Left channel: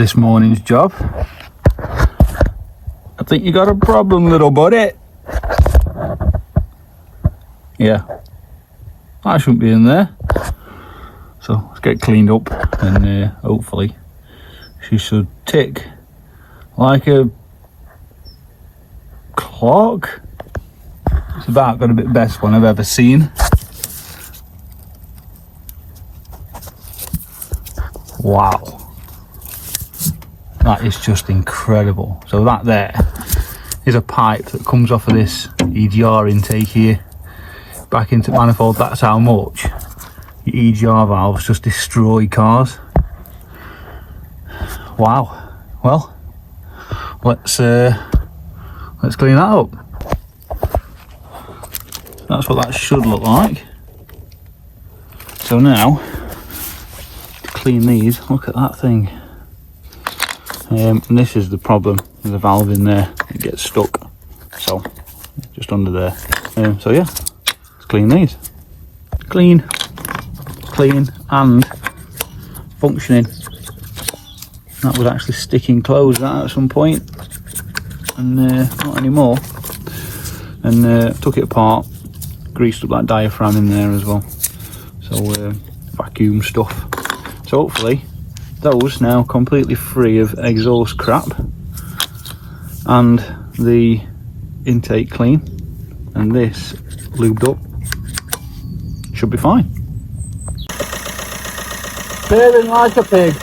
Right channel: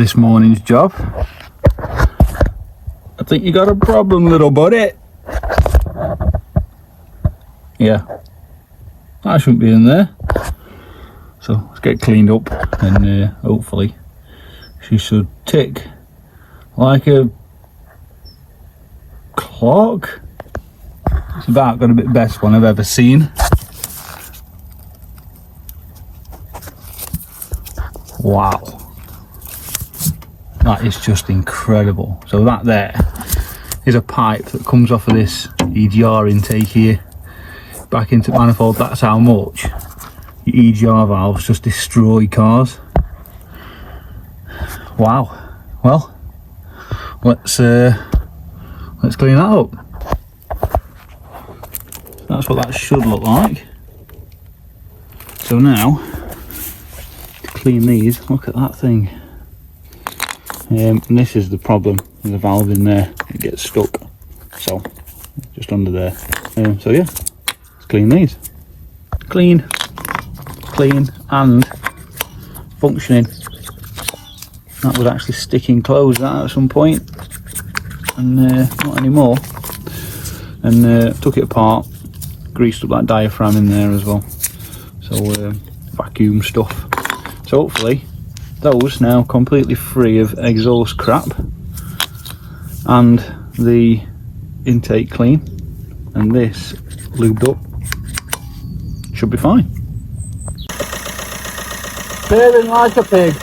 this morning's job. I think you got a problem, little buddy. Yeah, that shouldn't be in there. So let's get cleaned up, and hopefully she should tick like a clock. It's about going to be the best one I've ever seen. Wow, that is just incredible. So that there is a pipe that comes off of this EGR intake here back into manifold. That's how much the EGR valves just destroy cars. Wow. Well, let's clean that up. That's what that should look like. So now, to clean these, look at that thing. And this is the problem, there's a valve in there, it gets stuck. So, just under there. So yeah, let's clean these. Clean, and functioning. That was actually sticking closed at some point, and not anymore. And took it apart, greased up that diaphragm in there as well. So vacuum stuff. So hopefully those now completely free of exhaust crap, and the intake clean, and this lubed up, should be fine. Purring like a pig.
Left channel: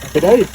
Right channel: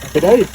Happy days.